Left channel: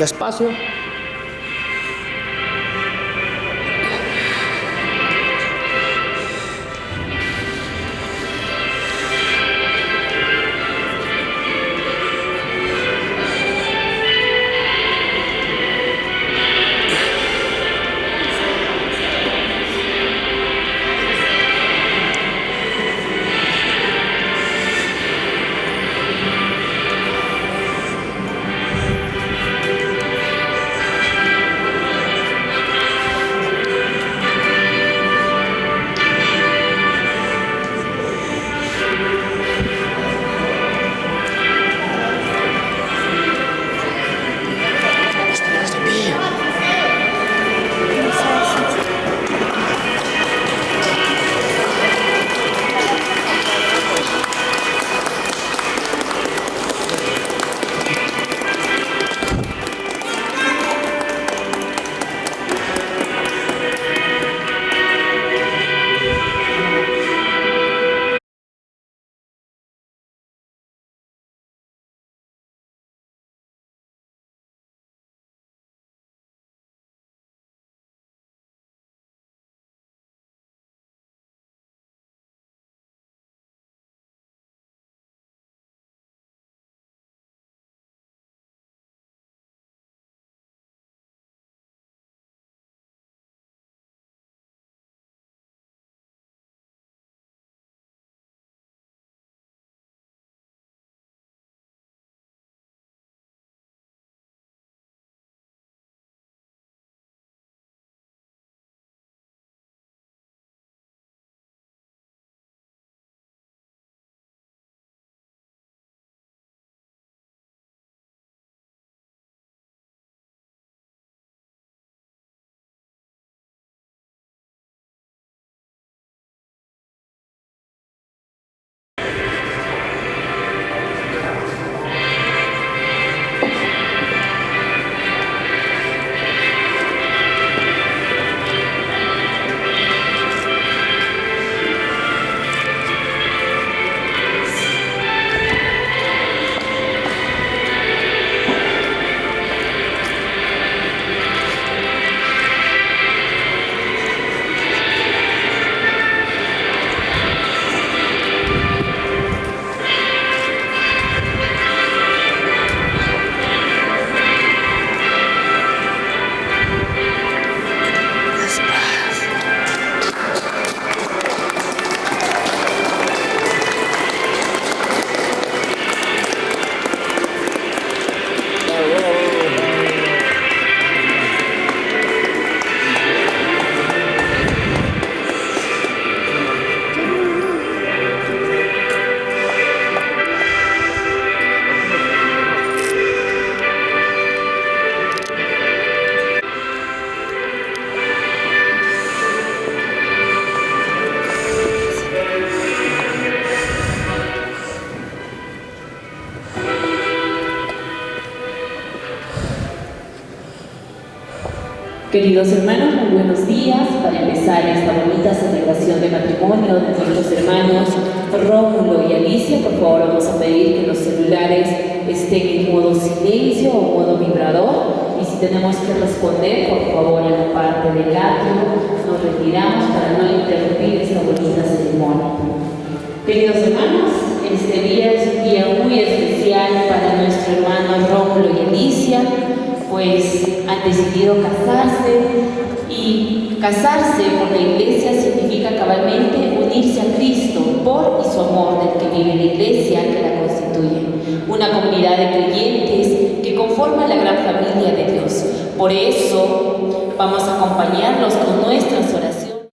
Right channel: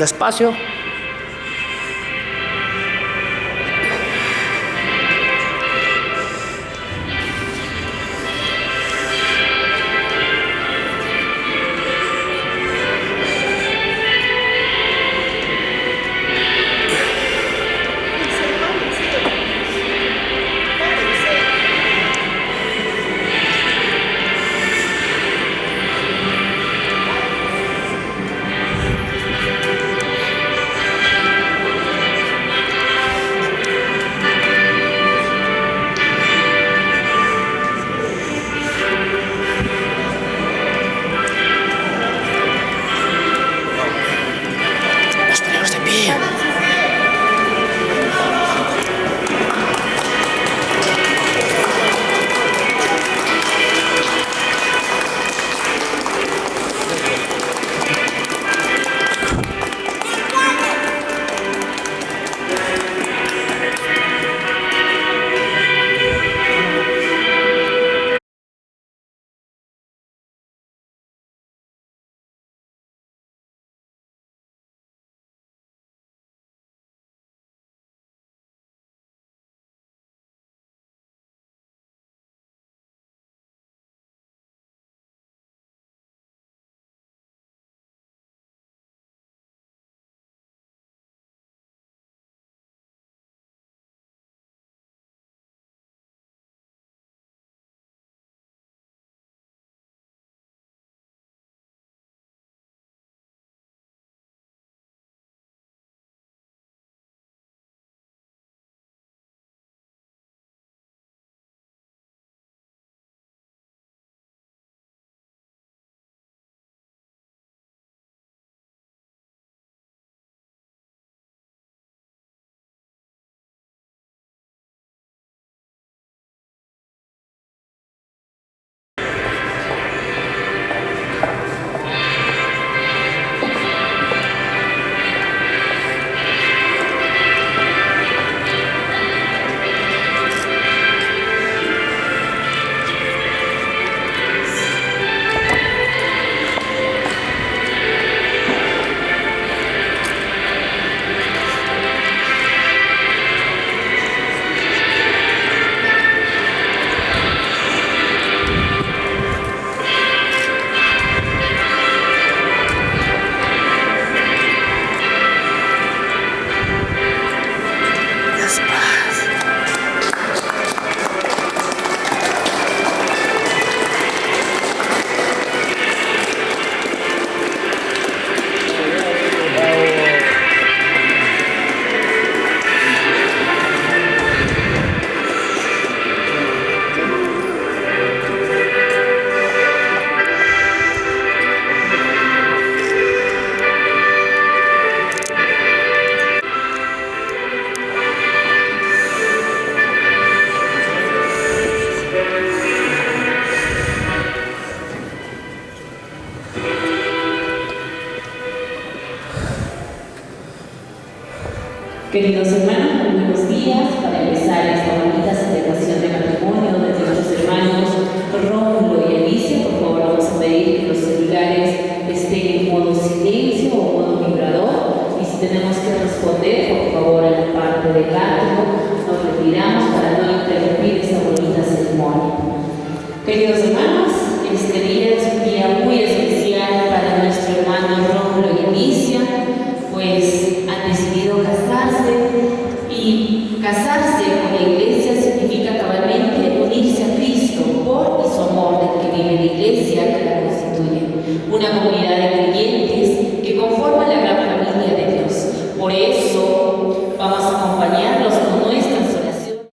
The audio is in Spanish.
Despacio. Los primeros de pie. Queridos hermanos, muy buenos días. Para empezar esta bonita celebración de matrimonio de nuestros hermanos Rómulo y Alicia, por favor vamos a pedir que los celulares estén en modo silencio o modo vibrador, y si tenemos que responder, por favor, en la parte del atrio nos retiramos para no interrumpir esta bonita ceremonia. Queridos hermanos, este día es un día muy especial para nuestro hermano Rómulo y Alicia, pues han decidido casarse, y casarse por la iglesia significa cabalmente unirse a Cristo por